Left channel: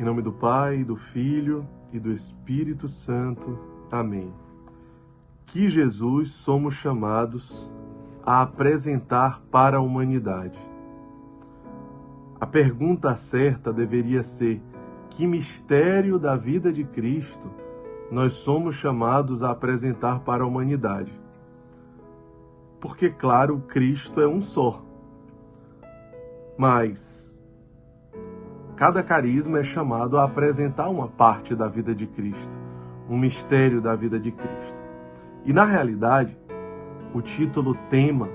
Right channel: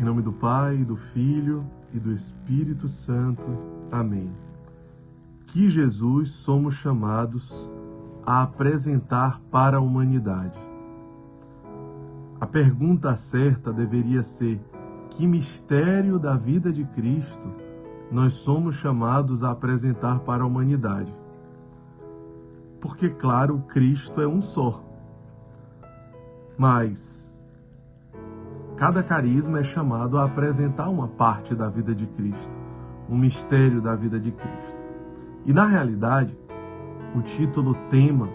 Em nome do Pai, do Filho e do Espírito Santo. Amém. Que Jesus somos chamados a apresentar para a humanidade. A pergunta certa deveria ser: que mistério da vida de Cristo nós somos chamados a apresentar para a humanidade? Porque, claro, Cristo é um só. Mas cada carisma é chamado a apresentar uma parte da vida de Cristo, um mistério da vida de Cristo. E, na realidade, o título tema,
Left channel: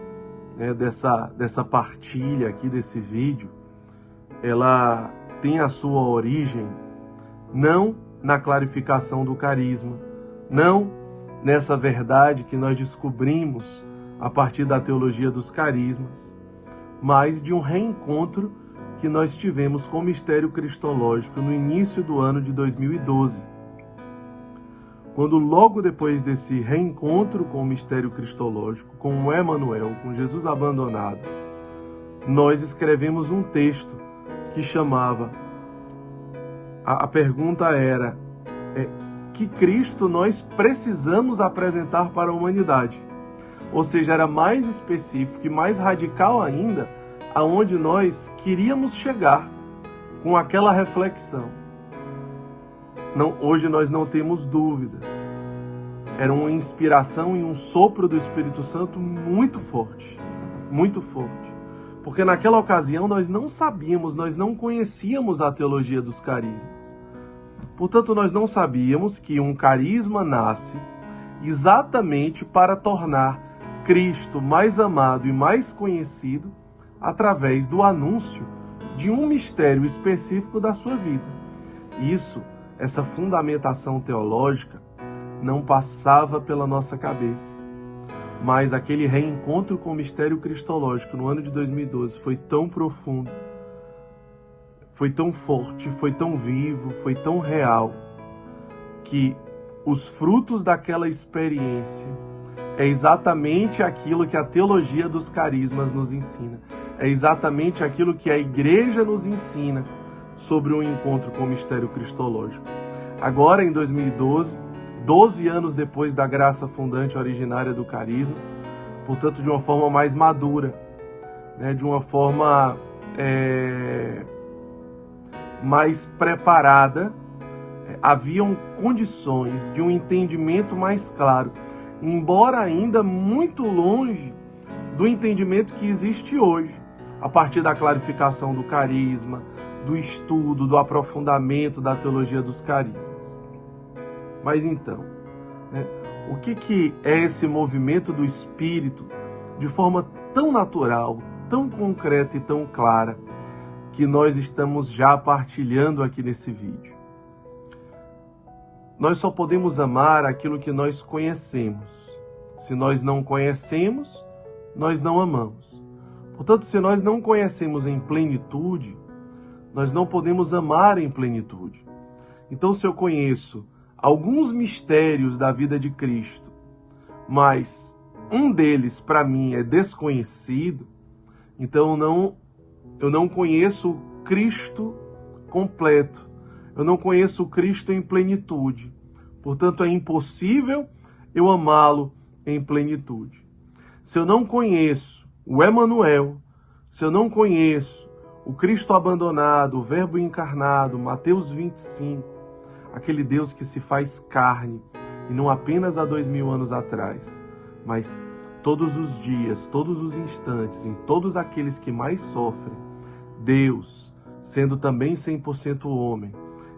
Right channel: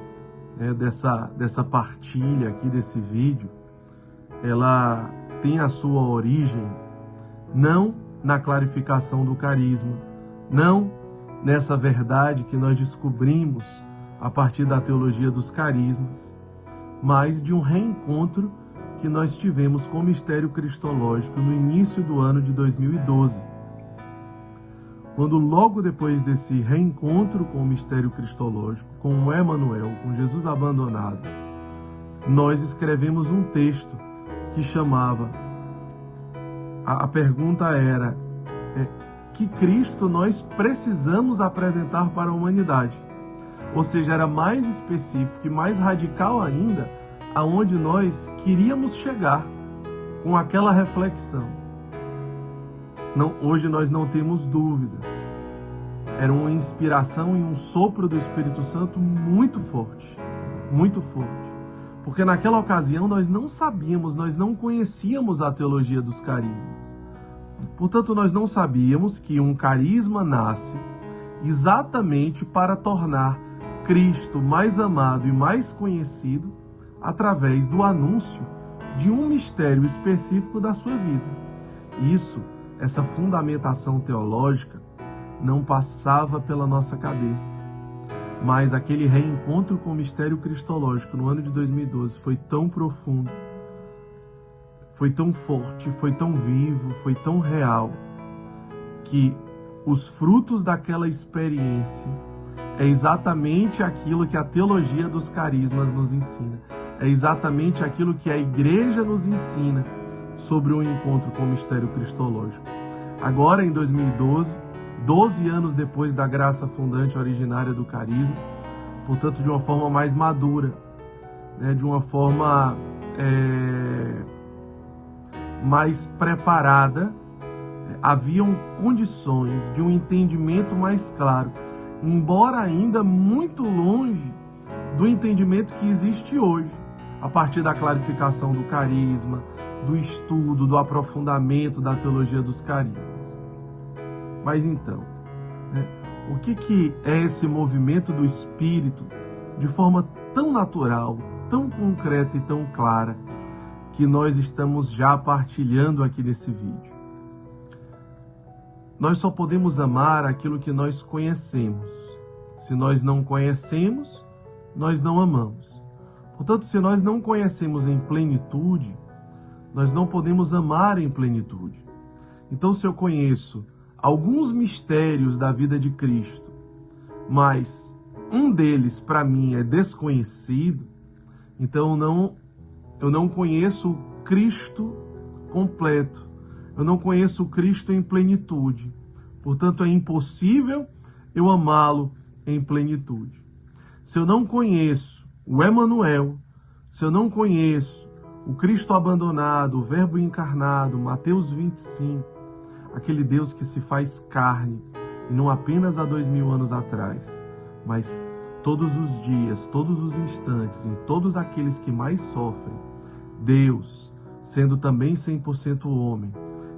dessa partilha aqui, desse vídeo, ela tem a sua origem não na clarificação do carisma, não nessa verdade que nós descobrimos a partir da teologia dos carismas, mas de um reencontro que nós tivemos com o mistério cristológico no início do ano de 2012. Quando logo depois desse reencontro com o mistério cristológico, com o Emanuel, com Jesus abandonado, nós escrevemos um texto que chamava, a pergunta era, que Cristo nós precisamos apresentar para a humanidade? Ou seja, era mais específico e mais radical ainda, aonde nós queríamos chegar com aquela reflexão. Hoje nós não temos dúvidas. Era uma inspiração e um sopro do Espírito Santo muito forte, muito forte. Porque naquela ocasião nós não sabíamos, nós não conhecíamos a teologia dos carismas. Portanto, nós não sabíamos que um carisma nasce exatamente para tornar Cristo mais amado e mais conhecido através do anúncio de um mistério específico da sua vida. Essa fundamentação teológica não passava pela nossa cabeça. Mas aquele reencontro com o mistério cristológico no ano de 2012 foi tão profundo, foi tão forte, foi tão vivo, foi tão real, que os frutos daquela experiência é exatamente aquilo que a teologia dos carismas nos ensina. É exatamente aquilo que a igreja nos ensina sobre o encontro com o mistério cristológico. Agora, em 2012, 12 anos depois da graça fundante originária do carisma, portanto, de uma forma mais madura, de uma forma mais preparada, haviam condições de um entendimento mais claro, embora ainda muito longe do entendimento que existe hoje, a partir da clarificação do carisma, do estudo, do aprofundamento da teologia dos carismas. Mas então, o que é esse movimento do Espírito de forma tão natural, tão concreta e tão clara, que nós estamos já partilhando aqui nesse vídeo? Nós só podemos amar aquilo que nós conhecemos. Se nós não conhecemos, nós não amamos. Portanto, se nós não conhecemos em plenitude, nós não podemos amar em plenitude. Então, se eu conheço alguns mistérios da vida de Cristo, mas um deles para mim é desconhecido, então eu não conheço o Cristo completo, eu não conheço o Cristo em plenitude. Portanto, é impossível eu amá-lo em plenitude. Se eu não conheço o Emanuel, se eu não conheço o Cristo abandonado, o Verbo encarnado, Mateus 25, aquele Deus que se faz carne, e não apenas há 2000 anos atrás, mas todos os dias, todos os instantes, em todos aqueles que mais sofrem, Deus, sendo também 100% homem,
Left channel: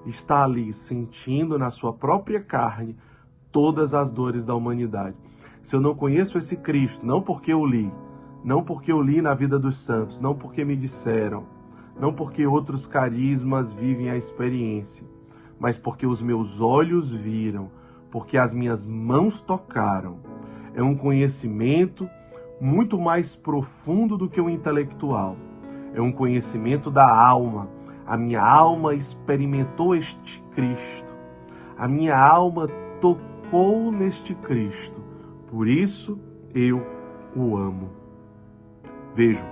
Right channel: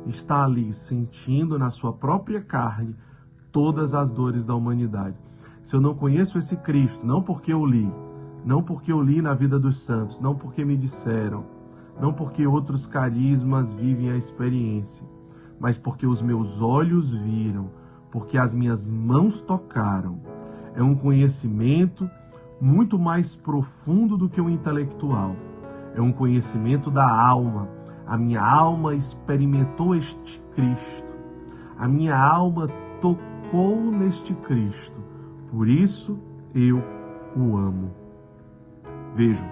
está ali sentindo na sua própria carne todas as dores da humanidade. Se eu não conheço esse Cristo, não porque eu li, não porque eu li na vida dos santos, não porque me disseram, não porque outros carismas vivem a experiência, mas porque os meus olhos viram, porque as minhas mãos tocaram. É um conhecimento muito mais profundo do que o intelectual. É um conhecimento da alma. A minha alma experimentou este Cristo. A minha alma tocou neste Cristo. Por isso eu o amo. Vejam,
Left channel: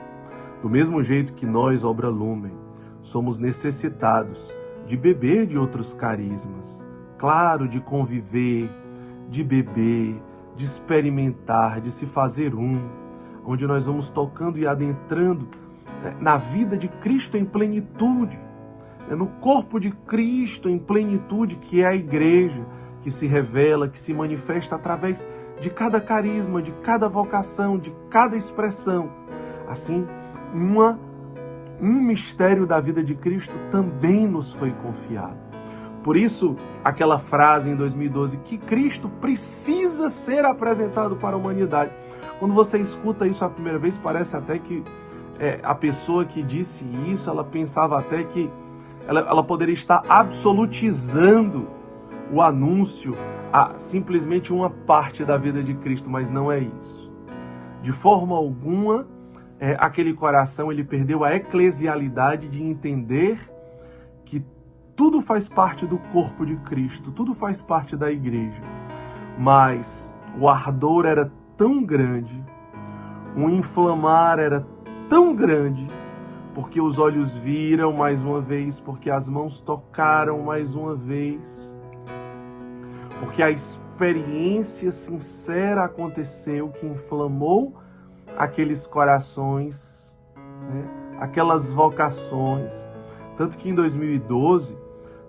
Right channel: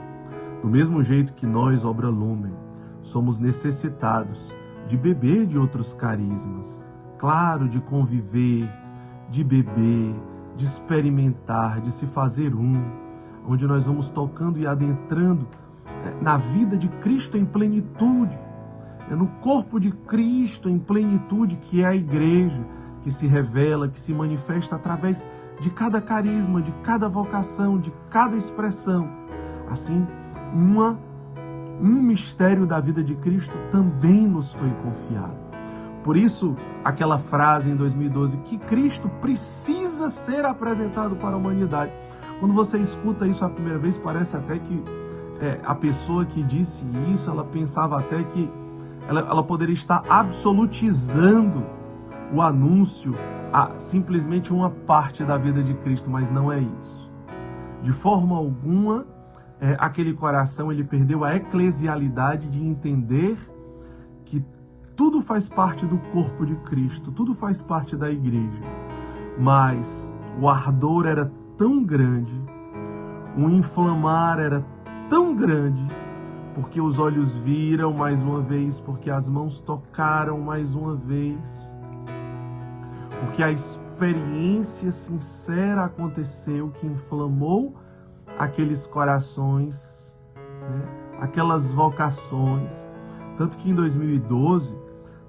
do mesmo jeito que nós, Obra Lumen, somos necessitados de beber de outros carismas, claro, de conviver, de beber, de experimentar, de se fazer onde nós vamos tocando e adentrando na vida de Cristo em plenitude, no corpo de Cristo em plenitude, que é a igreja, que se revela, que se manifesta através de cada carisma, de cada vocação, de cada expressão. Assim, um mistério da vida de Cristo também nos foi confiado. Por isso, aquela frase em 2012, que Cristo precisa ser apresentado para a humanidade. Quando você escuta isso a primeira vez, parece até que a pessoa que disse isso, ela pensava até que ela poderia estar absolutizando o anúncio a simplesmente uma parte da vida de Cristo, mas não é isso. De forma alguma, aquele coração ele perdeu a eclesialidade de entender que tudo faz parte do corpo de Cristo, tudo faz parte da igreja. Mas o ardor era tão grande, o inflamar era tão grande, porque os olhos viram mais uma vez, porque as mãos tocaram mais uma vez, porque a experiência sincera aconteceu que inflamou aqueles corações, aquelas vocações. Tanto que em 2012,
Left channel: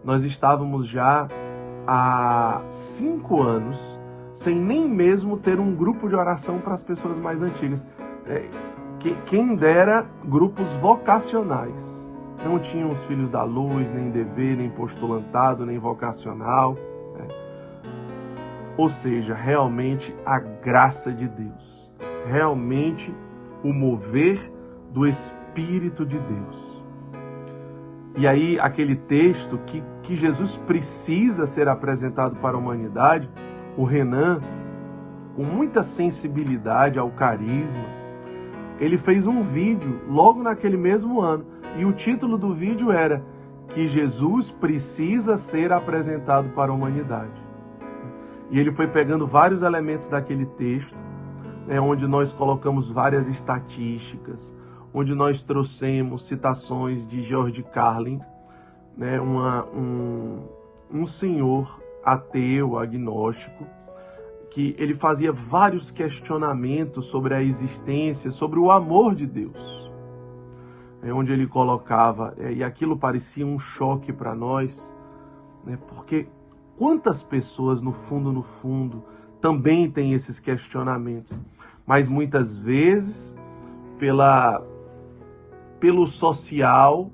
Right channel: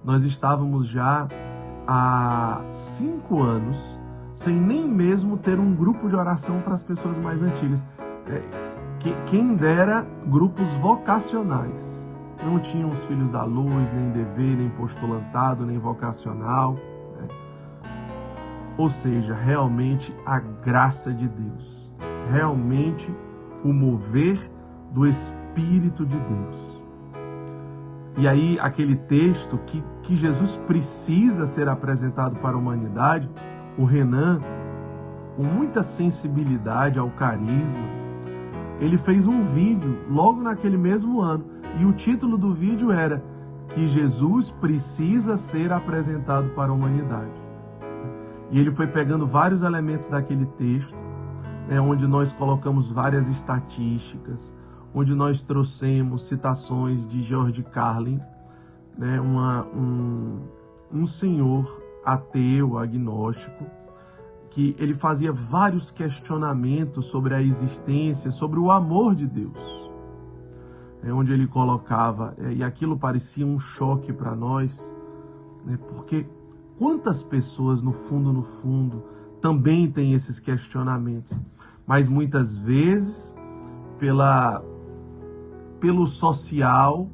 nós estávamos já há 5 anos sem nem mesmo ter um grupo de oração para as pessoas mais antigas. Quem dera grupos vocacionais. Não tinham os Filhos da Luz, nem dever, nem postulantado, nem vocacional. Ou seja, realmente a graça de Deus. Realmente o mover do Espírito de Deus. E aí, aquele texto que Jesus precisa ser apresentado para a humanidade, o Renan, com muita sensibilidade ao carisma, ele fez um vídeo logo naquele mesmo ano. E o título do vídeo era que Jesus precisa ser apresentado para a humanidade. E ele foi pegando vários elementos daquele texto, onde nós colocamos várias estatísticas, onde nós trouxemos citações de George Carlin, um senhor ateu, agnóstico, que ele fazia vários questionamentos sobre a existência, sobre o amor de Deus. Onde ele colocava, e aquilo parecia um choque para nós, porque quantas pessoas, no fundo, também têm esses questionamentos, mas muitas vezes, pelo social,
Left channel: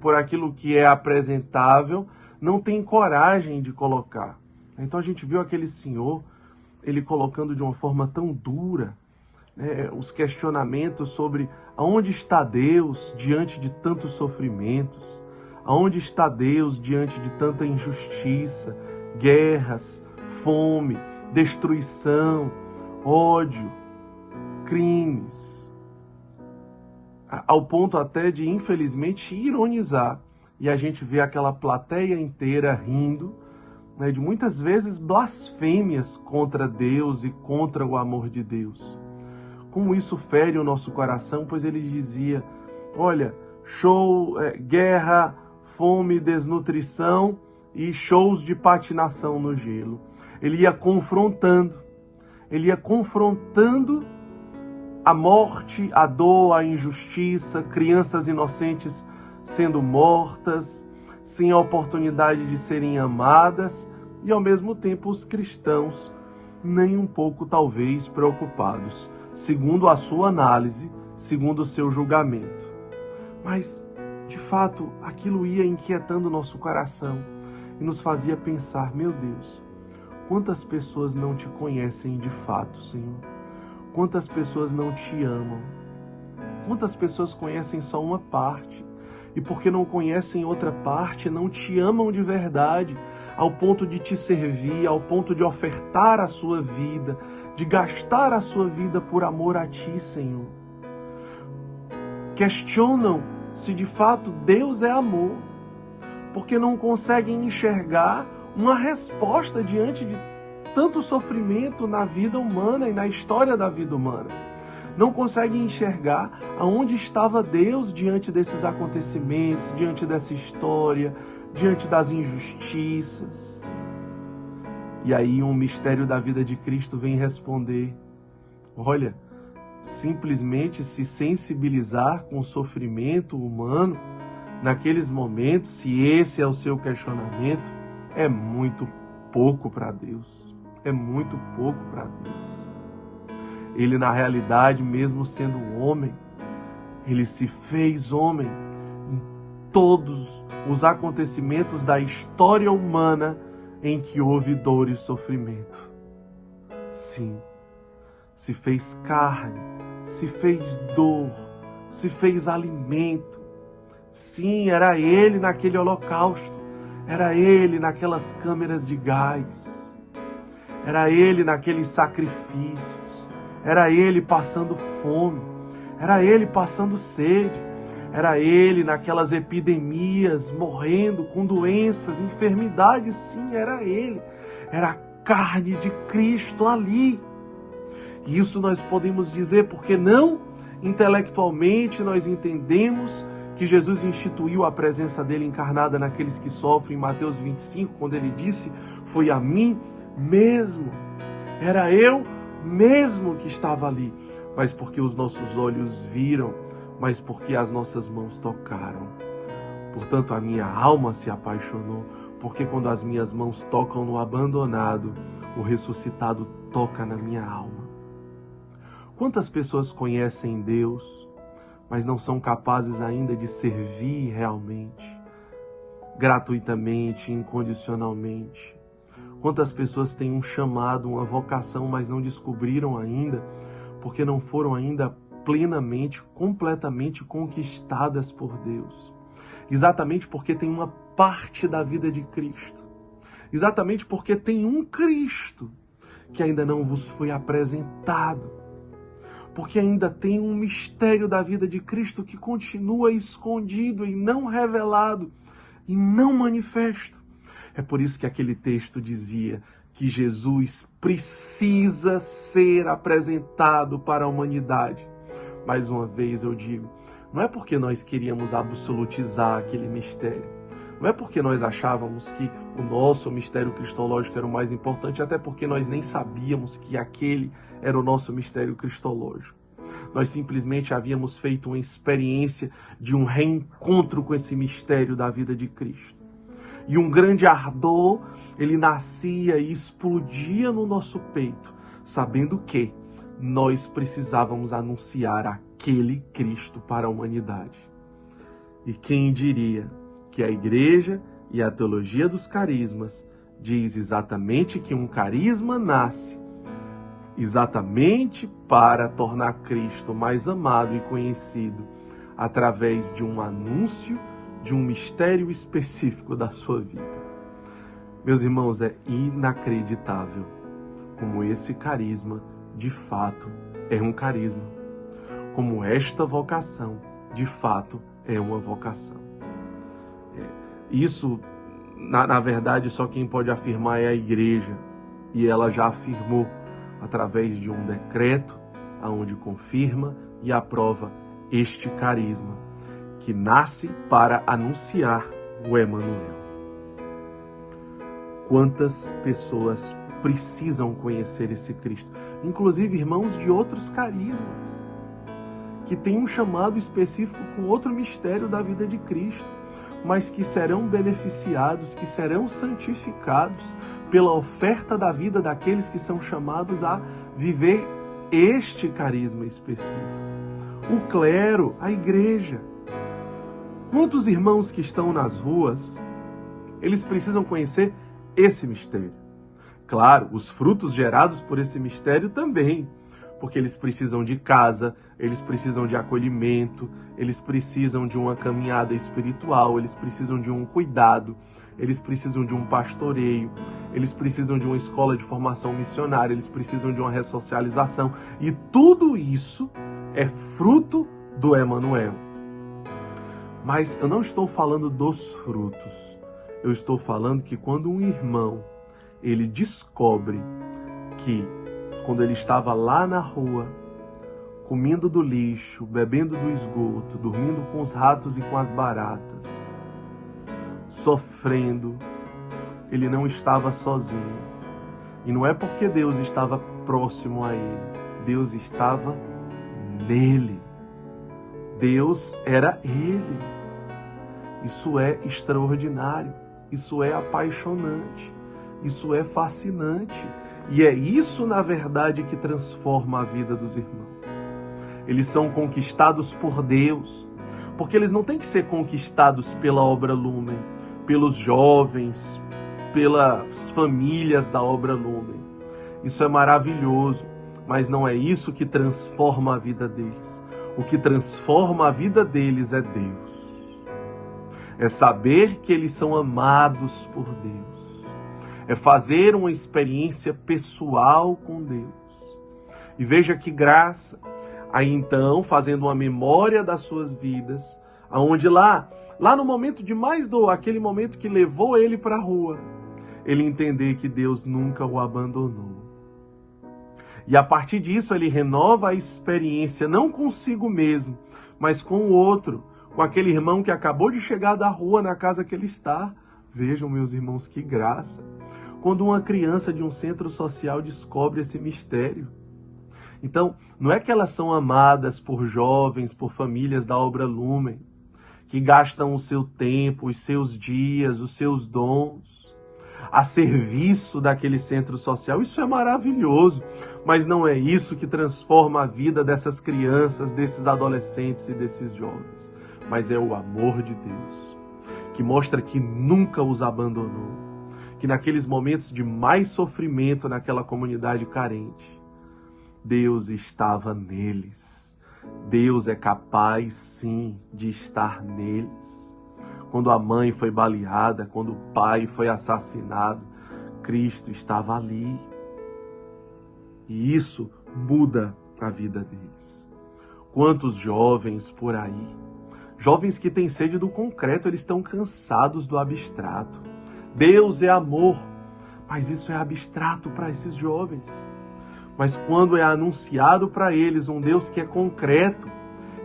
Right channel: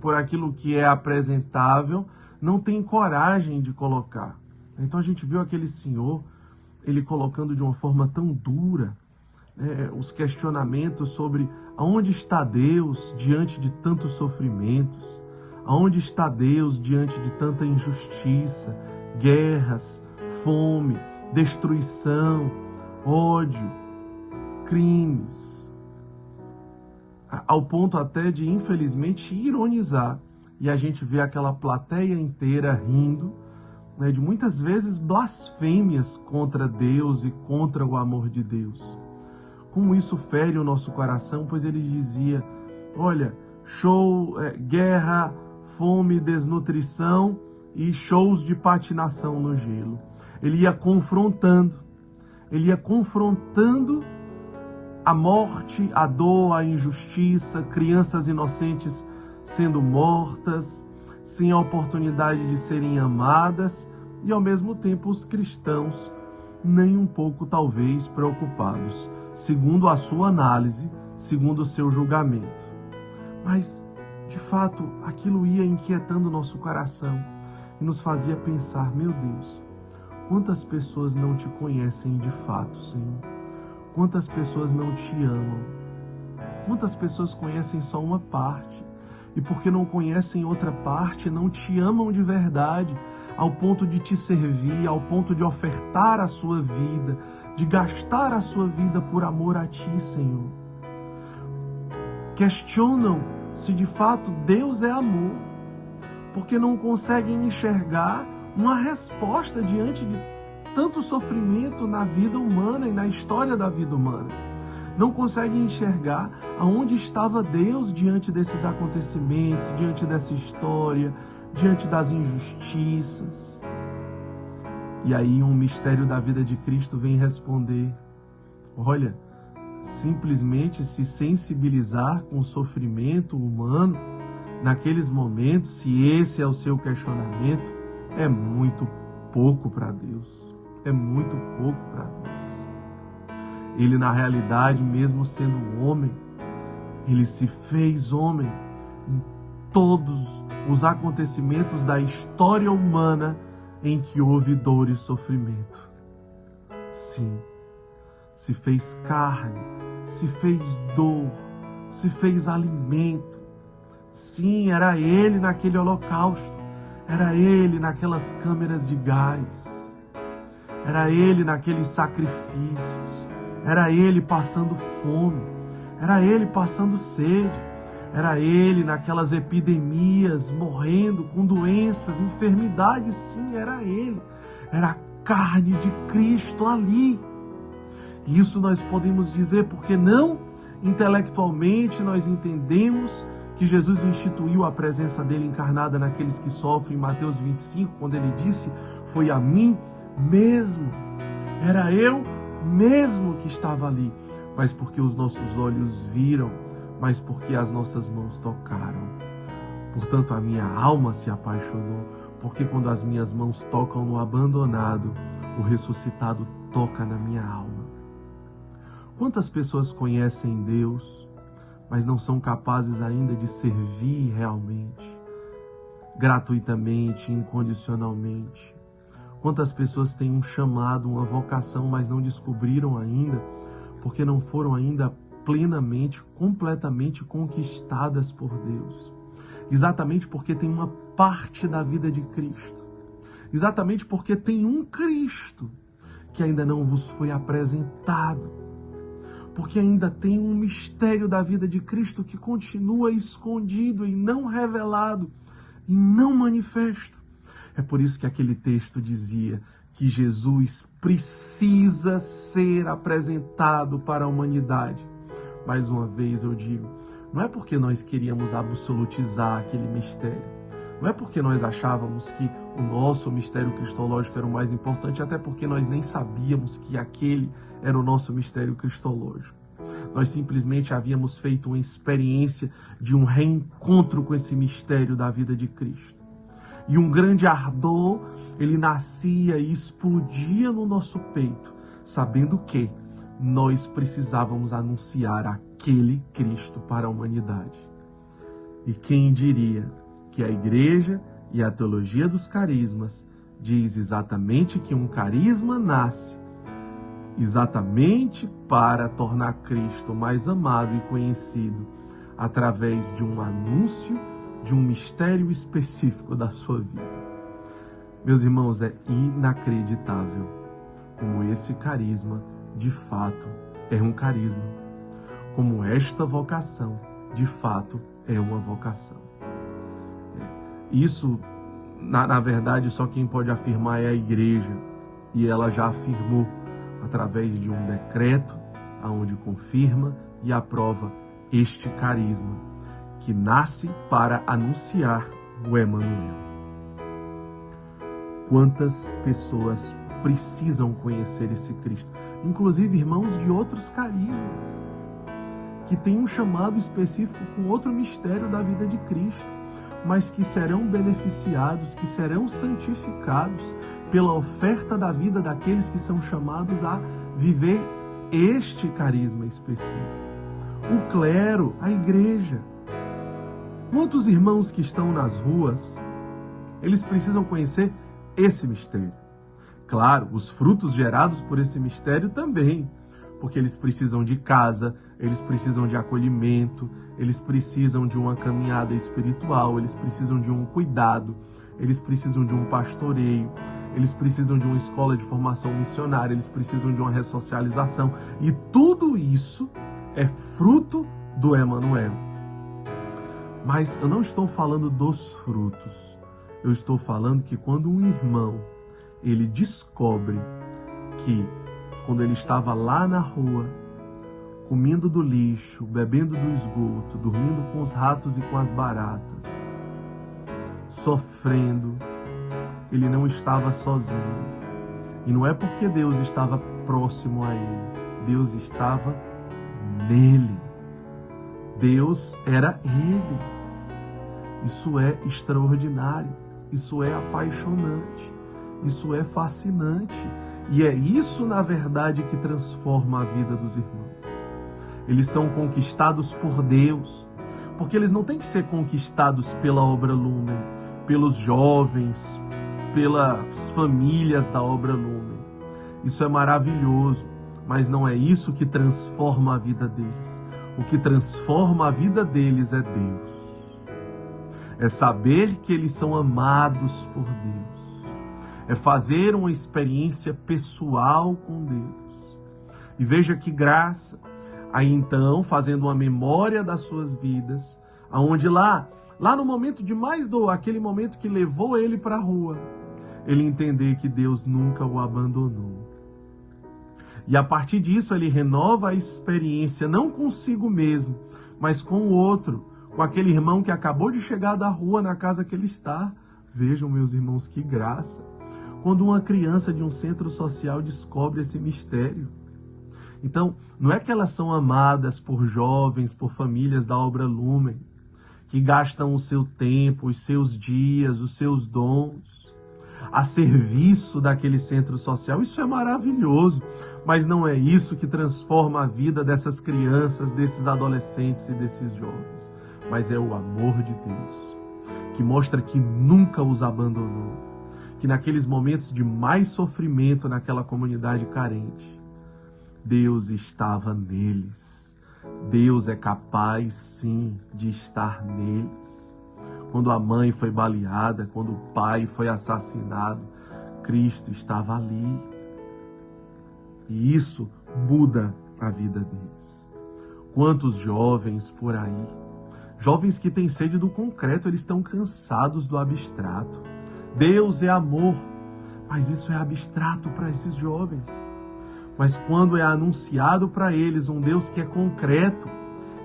por aquilo que é apresentável, não tem coragem de colocar. Então a gente viu aquele senhor, ele colocando de uma forma tão dura, os questionamentos sobre aonde está Deus diante de tantos sofrimentos, aonde está Deus diante de tanta injustiça, guerras, fome, destruição, ódio, crimes, ao ponto até de, infelizmente, ironizar. E a gente vê aquela plateia inteira rindo, de muitas vezes blasfêmias contra Deus e contra o amor de Deus. Como isso fere o nosso coração, pois ele dizia, olha, guerra, fome, desnutrição e shows de patinação no gelo. Ele ia confrontando a morte, a dor, a injustiça, crianças inocentes sendo mortas, sem a oportunidade de serem amadas, e ao mesmo tempo os cristãos nem um pouco talvez preocupados, segundo a sua análise, segundo o seu julgamento. Mas, de fato, aquilo ia inquietando o nosso coração e nos fazia pensar, meu Deus, quantas pessoas não te conhecem de fato, Senhor? Quantas pessoas não te amam? Quantas pessoas conhecem só uma parte? E porque não conhecem outra parte, não te amam de verdade, ao ponto de te servir, ao ponto de ofertar a sua vida, de gastar a sua vida por amor a ti, Senhor. Questionam se de fato Deus é amor, porque não conseguem enxergar uma resposta diante de tanto sofrimento na vida humana e na história da vida humana. Não conseguem enxergar aonde estava Deus diante desses acontecimentos, diante dessa história, diante das injustiças. E aí um mistério da vida de Cristo vem responder: olha, simplesmente se sensibilizar com o sofrimento humano naqueles momentos, se esse é o seu questionamento, é muito pouco para Deus. É muito pouco para Deus. Ele, na realidade, mesmo sendo homem, ele se fez homem em todos os acontecimentos da história humana em que houve dor e sofrimento. Sim, se fez carne, se fez dor, se fez alimento. Sim, era ele naquele holocausto, era ele naquelas câmeras de gás, era ele naqueles sacrifícios, era ele passando fome, era ele passando sede, era ele naquelas epidemias, morrendo com doenças, enfermidades. Sim, era ele, era a carne de Cristo ali. E isso nós podemos dizer porque não intelectualmente nós entendemos que Jesus instituiu a presença dele encarnada naqueles que sofrem, em Mateus 25, quando ele disse: foi a mim mesmo, era eu mesmo que estava ali, mas porque os nossos olhos viram, mas porque as nossas mãos tocaram. Portanto, a minha alma se apaixonou, porque quando as minhas mãos tocam no abandonado, o ressuscitado toca na minha alma. Quantas pessoas conhecem Deus, mas não são capazes ainda de servir realmente, gratuitamente, incondicionalmente? Quantas pessoas têm um chamado, uma vocação, mas não descobriram ainda, porque não foram ainda plenamente, completamente conquistadas por Deus? Exatamente porque tem uma parte da vida de Cristo. Exatamente porque tem um Cristo que ainda não vos foi apresentado. Porque ainda tem um mistério da vida de Cristo que continua escondido e não revelado e não manifesto. É por isso que aquele texto dizia que Jesus precisa ser apresentado para a humanidade. Mais uma vez eu digo, não é porque nós queríamos absolutizar aquele mistério. Não é porque nós achávamos que o nosso mistério cristológico era o mais importante, até porque nós nem sabíamos que aquele era o nosso mistério cristológico. Nós simplesmente havíamos feito uma experiência de um reencontro com esse mistério da vida de Cristo. E um grande ardor, ele nascia e explodia no nosso peito, sabendo que nós precisávamos anunciar aquele Cristo para a humanidade. E quem diria que a igreja e a teologia dos carismas diz exatamente que um carisma nasce exatamente para tornar Cristo mais amado e conhecido através de um anúncio de um mistério específico da sua vida. Meus irmãos, é inacreditável como esse carisma de fato é um carisma, como esta vocação de fato é uma vocação. Isso, na verdade, só quem pode afirmar é a igreja, e ela já afirmou através de um decreto, aonde confirma e aprova este carisma, que nasce para anunciar o Emanuel. Quantas pessoas precisam conhecer esse Cristo? Inclusive irmãos de outros carismas, que têm um chamado específico com outro mistério da vida de Cristo, mas que serão beneficiados, que serão santificados pela oferta da vida daqueles que são chamados a viver este carisma específico. O clero, a igreja. Quantos irmãos que estão nas ruas, eles precisam conhecer esse mistério? Claro, os frutos gerados por esse mistério também, porque eles precisam de casa, eles precisam de acolhimento, eles precisam de uma caminhada espiritual, eles precisam de um cuidado, eles precisam de um pastoreio, eles precisam de uma escola de formação missionária, eles precisam de uma ressocialização. E tudo isso é fruto do Emanuel. Mas eu não estou falando dos frutos. Eu estou falando que quando um irmão, ele descobre que quando ele estava lá na rua, comendo do lixo, bebendo do esgoto, dormindo com os ratos e com as baratas, sofrendo, ele não estava sozinho. E não é porque Deus estava próximo a ele, Deus estava nele. Deus era ele. Isso é extraordinário, isso é apaixonante, isso é fascinante. E é isso, na verdade, que transforma a vida dos irmãos. Eles são conquistados por Deus, porque eles não têm que ser conquistados pela Obra Lumen, pelos jovens, pelas famílias da Obra Lumen. Isso é maravilhoso, mas não é isso que transforma a vida deles. O que transforma a vida deles é Deus. É saber que eles são amados por Deus. É fazer uma experiência pessoal com Deus. E veja que graça. Aí então, fazendo uma memória das suas vidas, aonde lá no momento de mais dor, aquele momento que levou ele para a rua, ele entender que Deus nunca o abandonou. E a partir disso ele renova a experiência, não consigo mesmo, mas com o outro, com aquele irmão que acabou de chegar da rua na casa que ele está. Vejam, meus irmãos, que graça. Quando uma criança de um centro social descobre esse mistério. Então, não é que elas são amadas por jovens, por famílias da Obra Lumen, que gastam o seu tempo, os seus dias, os seus dons a serviço daquele centro social. Isso é maravilhoso, mas não é isso que transforma a vida dessas crianças, desses adolescentes e desses jovens. Mas é o amor de Deus, que mostra que nunca os abandonou, que naqueles momentos de mais sofrimento naquela comunidade carente, Deus estava neles. Deus é capaz, sim, de estar neles. Quando a mãe foi baleada, quando o pai foi assassinado, Cristo estava ali. E isso muda a vida deles. Quantos jovens por aí, jovens que têm sede do concreto, eles estão cansados do abstrato. Deus é amor, mas isso é abstrato para esses jovens. Mas quando é anunciado para eles um Deus que é concreto,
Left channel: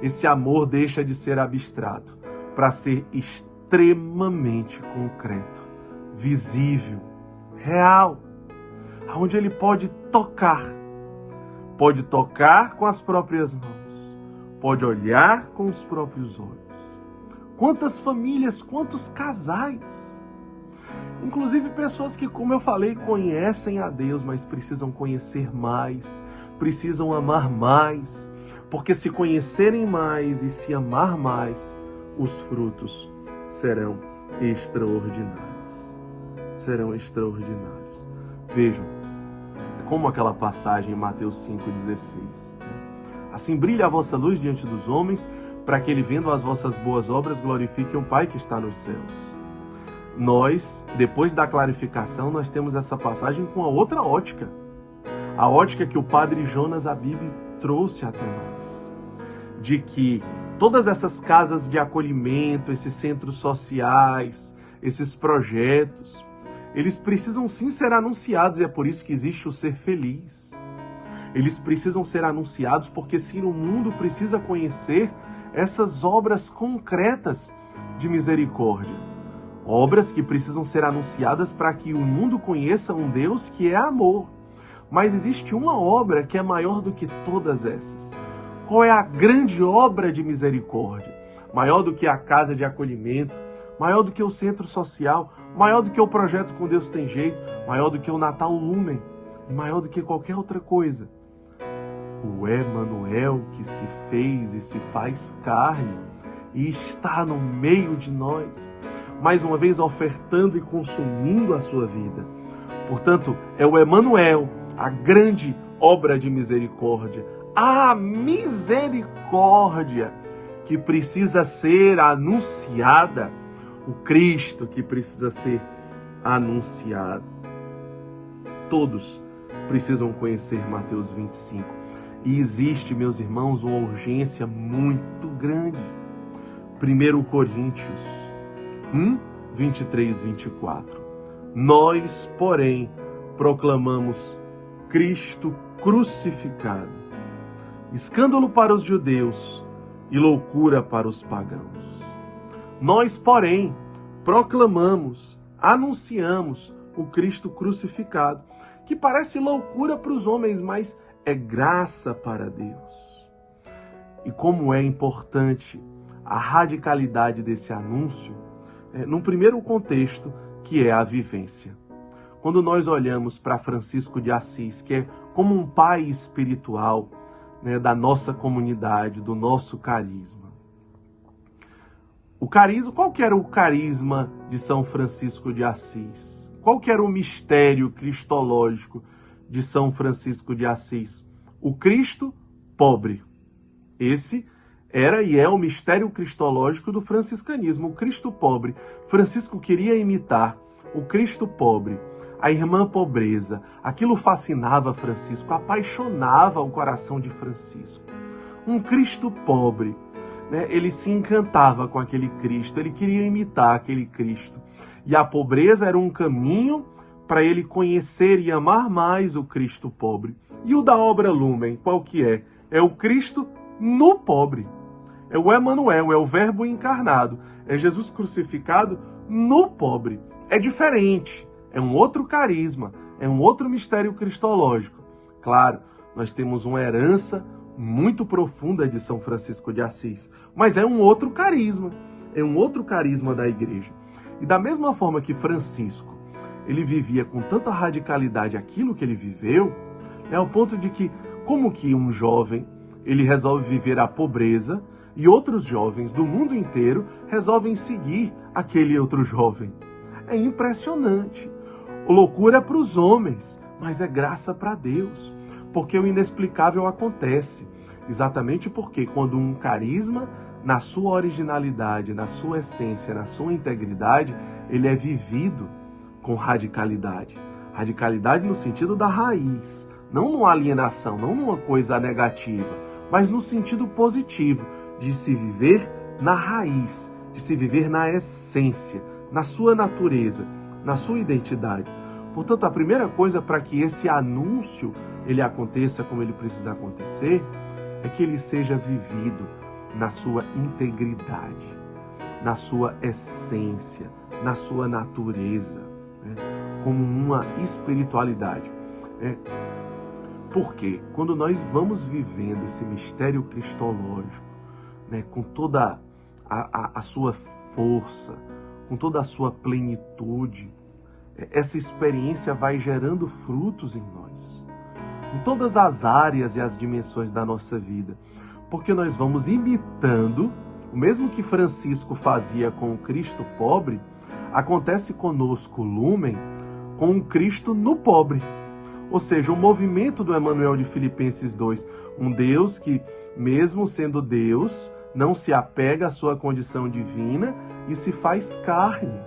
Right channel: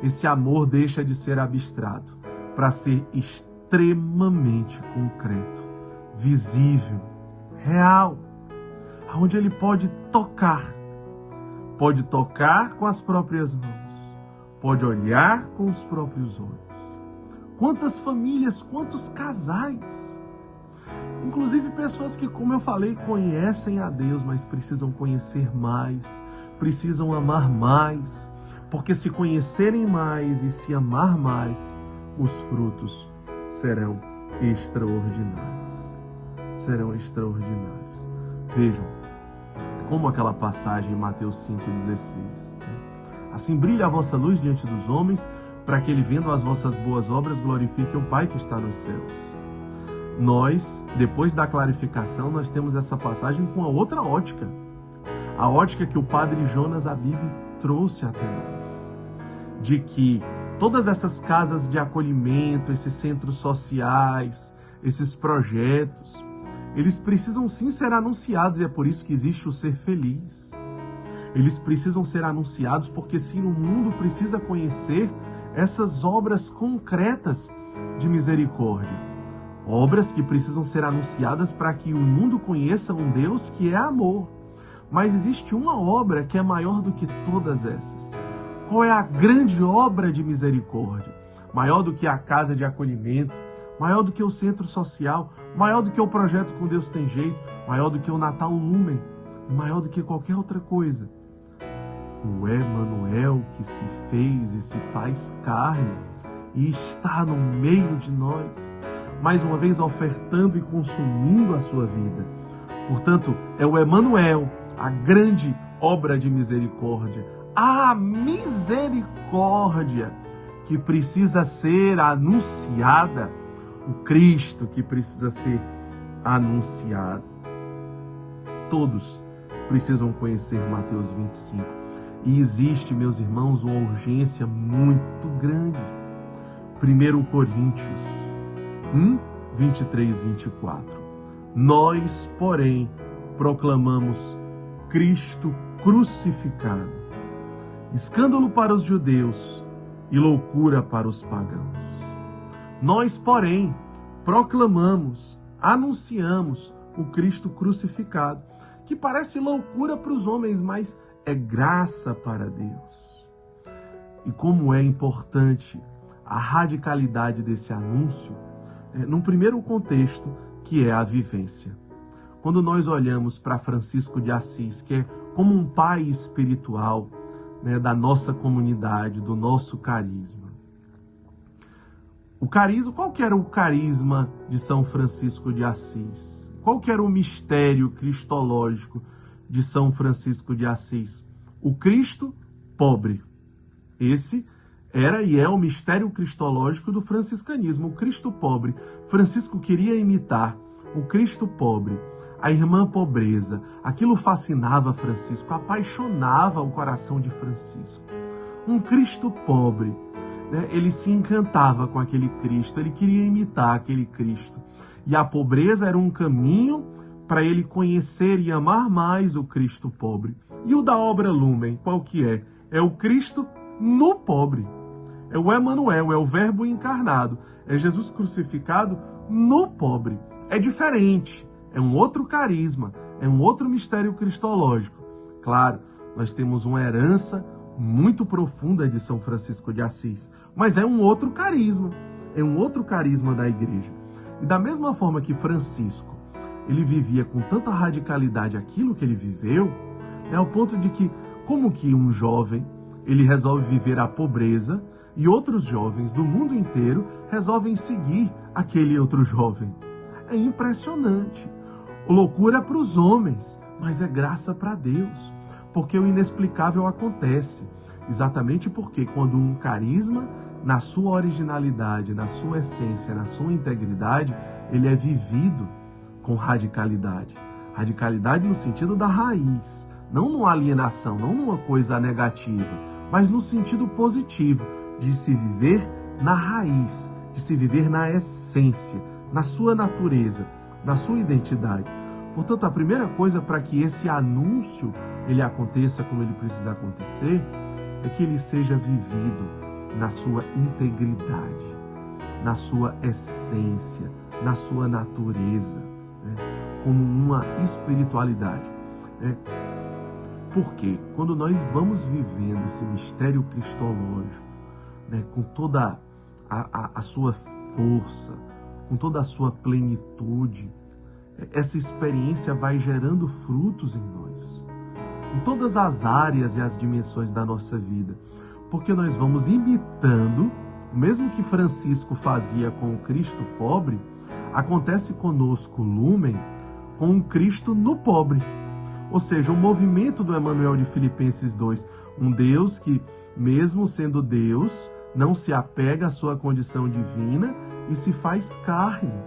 esse amor deixa de ser abstrato para ser extremamente concreto, visível, real, onde ele pode tocar com as próprias mãos, pode olhar com os próprios olhos. Quantas famílias, quantos casais, inclusive pessoas que, como eu falei, conhecem a Deus, mas precisam conhecer mais, precisam amar mais, porque se conhecerem mais e se amar mais, os frutos serão extraordinários. Serão extraordinários. Vejam como aquela passagem em Mateus 5,16. Assim brilha a vossa luz diante dos homens, para que ele, vendo as vossas boas obras, glorifique o Pai que está nos céus. Nós, depois da clarificação, nós temos essa passagem com a outra ótica. A ótica que o padre Jonas Abib trouxe até nós. De que todas essas casas de acolhimento, esses centros sociais, esses projetos, eles precisam sim ser anunciados, e é por isso que existe o Ser Feliz. Eles precisam ser anunciados porque sim, o mundo precisa conhecer essas obras concretas de misericórdia. Obras que precisam ser anunciadas para que o mundo conheça um Deus que é amor. Mas existe uma obra que é maior do que todas essas. Qual é a grande obra de misericórdia? Maior do que a casa de acolhimento, maior do que o centro social, maior do que o projeto Com Deus Tem Jeito, maior do que o Natal Lumen, maior do que qualquer outra coisa. O Emanuel que se fez e se faz carne e está no meio de nós, mais uma vez ofertando e consumindo a sua vida. Portanto, é o Emanuel, a grande obra de misericórdia, a misericórdia que precisa ser anunciada, o Cristo que precisa ser anunciado. Todos precisam conhecer Mateus 25. E existe, meus irmãos, uma urgência muito grande. 1 Coríntios 1, 23, 24. Nós, porém, proclamamos Cristo crucificado, escândalo para os judeus e loucura para os pagãos. Nós, porém, proclamamos, anunciamos o Cristo crucificado, que parece loucura para os homens, mas é graça para Deus. E como é importante a radicalidade desse anúncio, num primeiro contexto, que é a vivência. Quando nós olhamos para Francisco de Assis, que é como um pai espiritual, da nossa comunidade, do nosso carisma. O carisma, qual que era o carisma de São Francisco de Assis? Qual que era o mistério cristológico de São Francisco de Assis? O Cristo pobre. Esse era e é o mistério cristológico do franciscanismo, o Cristo pobre. Francisco queria imitar o Cristo pobre, a irmã pobreza. Aquilo fascinava Francisco, apaixonava o coração de Francisco. Um Cristo pobre, ele se encantava com aquele Cristo, ele queria imitar aquele Cristo. E a pobreza era um caminho para ele conhecer e amar mais o Cristo pobre. E o da obra Lumen, qual que é? É o Cristo no pobre. É o Emanuel, é o Verbo encarnado. É Jesus crucificado no pobre. É diferente, é um outro carisma, é um outro mistério cristológico. Claro, nós temos uma herança muito profunda de São Francisco de Assis, mas é um outro carisma da igreja. E da mesma forma que Francisco, ele vivia com tanta radicalidade aquilo que ele viveu, ao ponto de que, como que um jovem, ele resolve viver a pobreza e outros jovens do mundo inteiro resolvem seguir aquele outro jovem. É impressionante. Loucura para os homens, mas é graça para Deus, porque o inexplicável acontece. Exatamente porque quando um carisma, na sua originalidade, na sua essência, na sua integridade, ele é vivido com radicalidade. Radicalidade no sentido da raiz, não numa alienação, não numa coisa negativa, mas no sentido positivo, de se viver na raiz, de se viver na essência, na sua natureza, na sua identidade. Portanto, a primeira coisa para que esse anúncio ele aconteça como ele precisa acontecer, é que ele seja vivido na sua integridade, na sua essência, na sua natureza, como uma espiritualidade. Porque quando nós vamos vivendo esse mistério cristológico, com toda a sua força, com toda a sua plenitude, essa experiência vai gerando frutos em nós, em todas as áreas e as dimensões da nossa vida, porque nós vamos imitando, o mesmo que Francisco fazia com o Cristo pobre, acontece conosco, Lumen, com o Cristo no pobre. Ou seja, o movimento do Emmanuel de Filipenses 2, um Deus que, mesmo sendo Deus, não se apega à sua condição divina e se faz carne.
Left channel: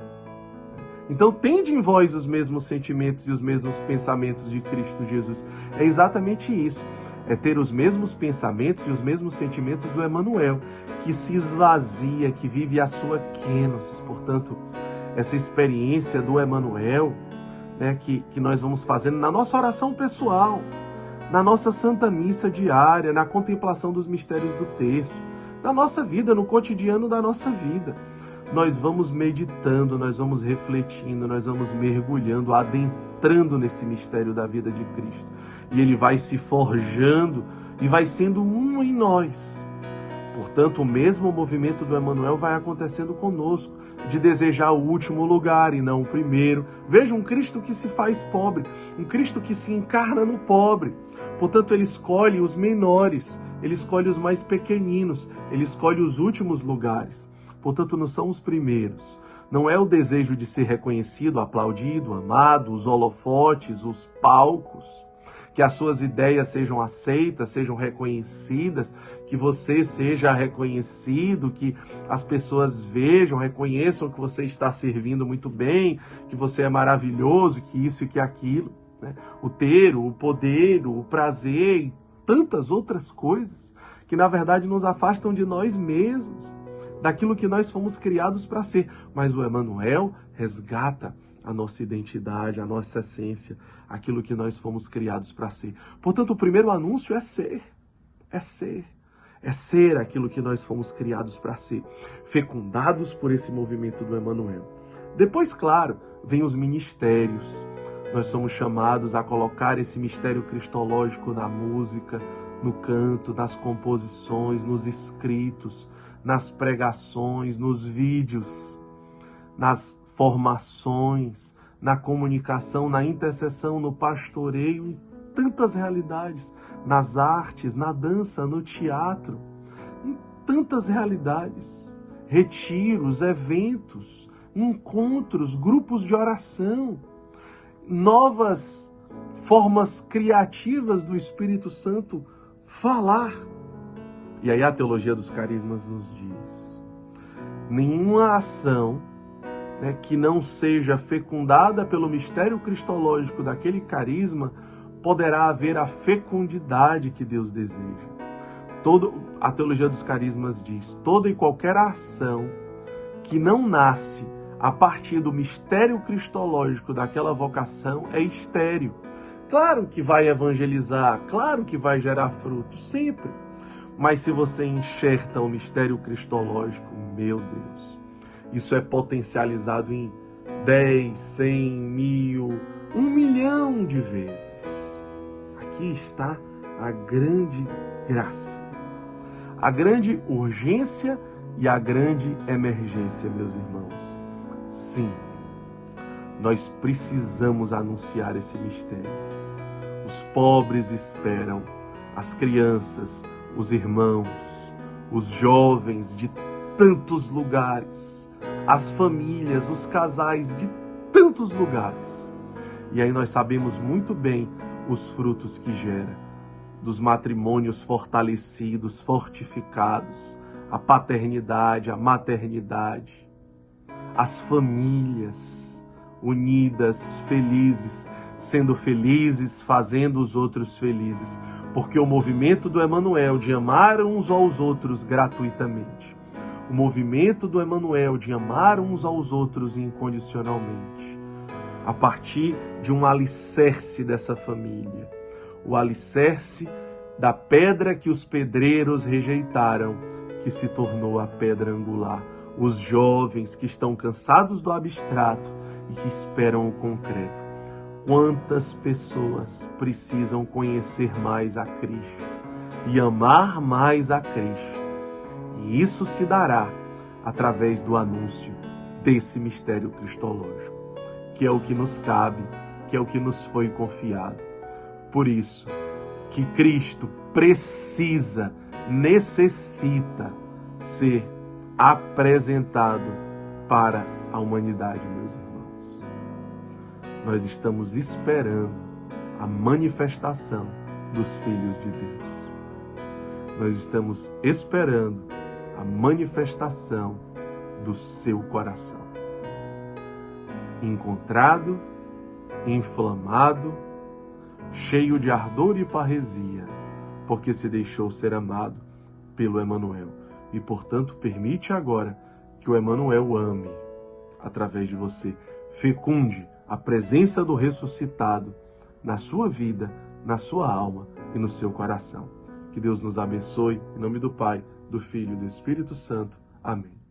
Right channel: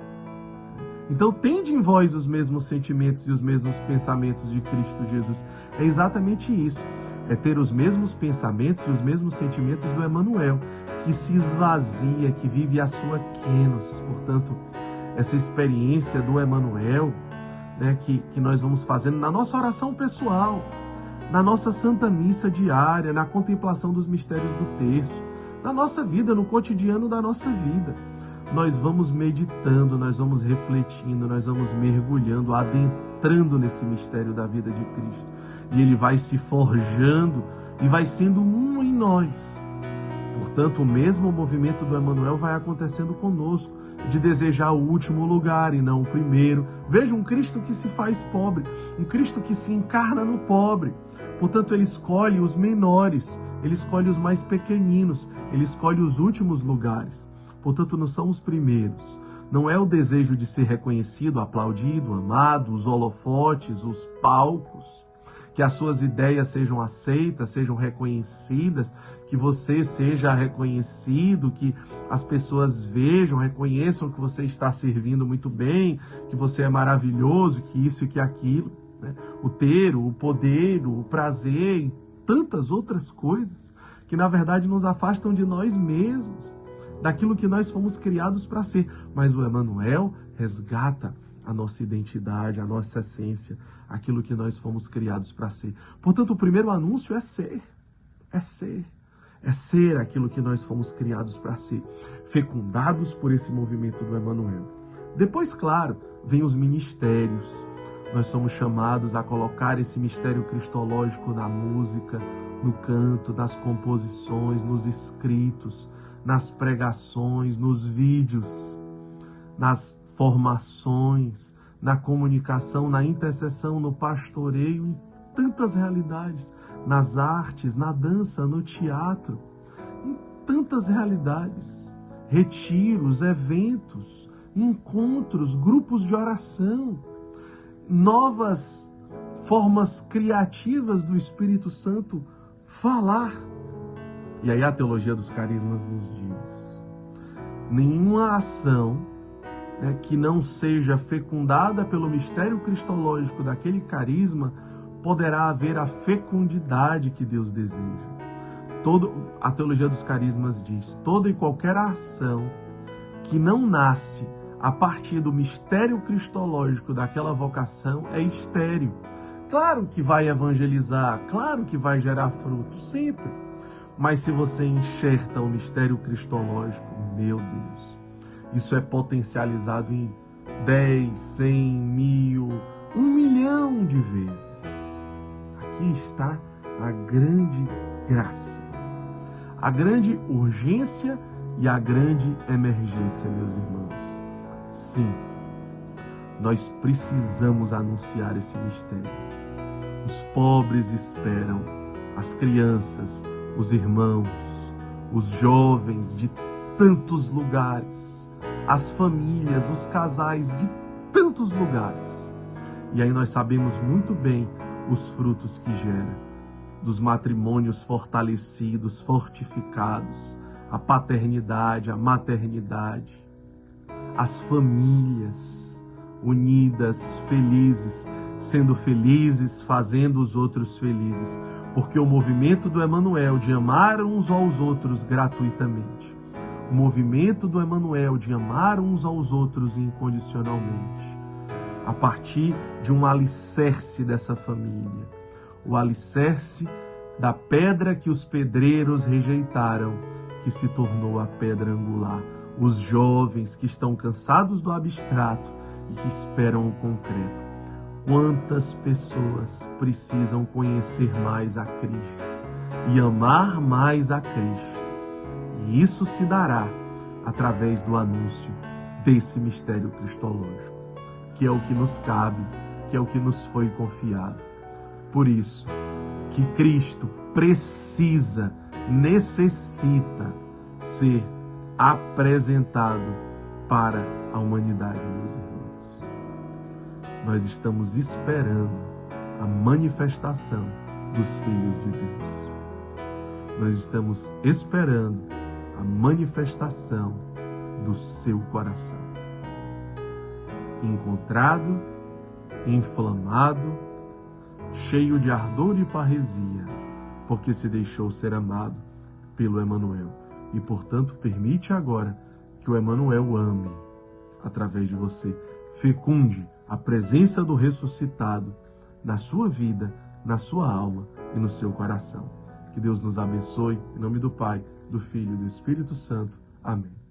Então, tende em vós os mesmos sentimentos e os mesmos pensamentos de Cristo Jesus. É exatamente isso. É ter os mesmos pensamentos e os mesmos sentimentos do Emmanuel, que se esvazia, que vive a sua kenosis. Portanto, essa experiência do Emmanuel, que nós vamos fazendo na nossa oração pessoal, na nossa Santa Missa diária, na contemplação dos mistérios do texto, na nossa vida, no cotidiano da nossa vida. Nós vamos meditando, nós vamos refletindo, nós vamos mergulhando, adentrando nesse mistério da vida de Cristo. E ele vai se forjando e vai sendo um em nós. Portanto, o mesmo movimento do Emmanuel vai acontecendo conosco, de desejar o último lugar e não o primeiro. Veja, um Cristo que se faz pobre, um Cristo que se encarna no pobre. Portanto, ele escolhe os menores, ele escolhe os mais pequeninos, ele escolhe os últimos lugares. Portanto, não são os primeiros. Não é o desejo de ser reconhecido, aplaudido, amado, os holofotes, os palcos, que as suas ideias sejam aceitas, sejam reconhecidas, que você seja reconhecido, que as pessoas vejam, reconheçam que você está servindo muito bem, que você é maravilhoso, que isso e que aquilo. O ter, o poder, o prazer e tantas outras coisas que, na verdade, nos afastam de nós mesmos, daquilo que nós fomos criados para ser. Mas o Emmanuel resgata a nossa identidade, a nossa essência, aquilo que nós fomos criados para ser. Portanto, o primeiro anúncio é ser. É ser. É ser aquilo que nós fomos criados para ser. Fecundados por esse movimento do Emmanuel. Depois, claro, vem os ministérios. Nós somos chamados a colocar esse mistério cristológico na música, no canto, nas composições, nos escritos, nas pregações, nos vídeos, nas formações, na comunicação, na intercessão, no pastoreio, em tantas realidades, nas artes, na dança, no teatro, em tantas realidades, retiros, eventos, encontros, grupos de oração, novas formas criativas do Espírito Santo falar. E aí a teologia dos carismas nos diz: nenhuma ação, que não seja fecundada pelo mistério cristológico daquele carisma poderá haver a fecundidade que Deus deseja. A teologia dos carismas diz: toda e qualquer ação que não nasce a partir do mistério cristológico daquela vocação é estéril. Claro que vai evangelizar, claro que vai gerar frutos, sempre. Mas se você enxerta o mistério cristológico, meu Deus, isso é potencializado em 10, 100, 1000, 1 milhão de vezes. Aqui está a grande graça, a grande urgência e a grande emergência, meus irmãos. Sim, nós precisamos anunciar esse mistério. Os pobres esperam, as crianças, os irmãos, os jovens de tantos lugares, as famílias, os casais de tantos lugares. E aí nós sabemos muito bem os frutos que gera, dos matrimônios fortalecidos, fortificados, a paternidade, a maternidade, as famílias unidas, felizes, sendo felizes, fazendo os outros felizes, porque o movimento do Emanuel de amar uns aos outros gratuitamente, o movimento do Emanuel de amar uns aos outros incondicionalmente, a partir de um alicerce dessa família, o alicerce da pedra que os pedreiros rejeitaram, que se tornou a pedra angular. Os jovens que estão cansados do abstrato e que esperam o concreto. Quantas pessoas precisam conhecer mais a Cristo e amar mais a Cristo? E isso se dará através do anúncio desse mistério cristológico, que é o que nos cabe, que é o que nos foi confiado. Por isso, que Cristo precisa, necessita ser apresentado para a humanidade, meus irmãos. Nós estamos esperando a manifestação dos filhos de Deus. Nós estamos esperando a manifestação do seu coração. Encontrado, inflamado, cheio de ardor e parresia, porque se deixou ser amado pelo Emanuel. E, portanto, permite agora que o Emanuel ame através de você. Fecunde a presença do ressuscitado na sua vida, na sua alma e no seu coração. Que Deus nos abençoe. Em nome do Pai, do Filho e do Espírito Santo. Amém.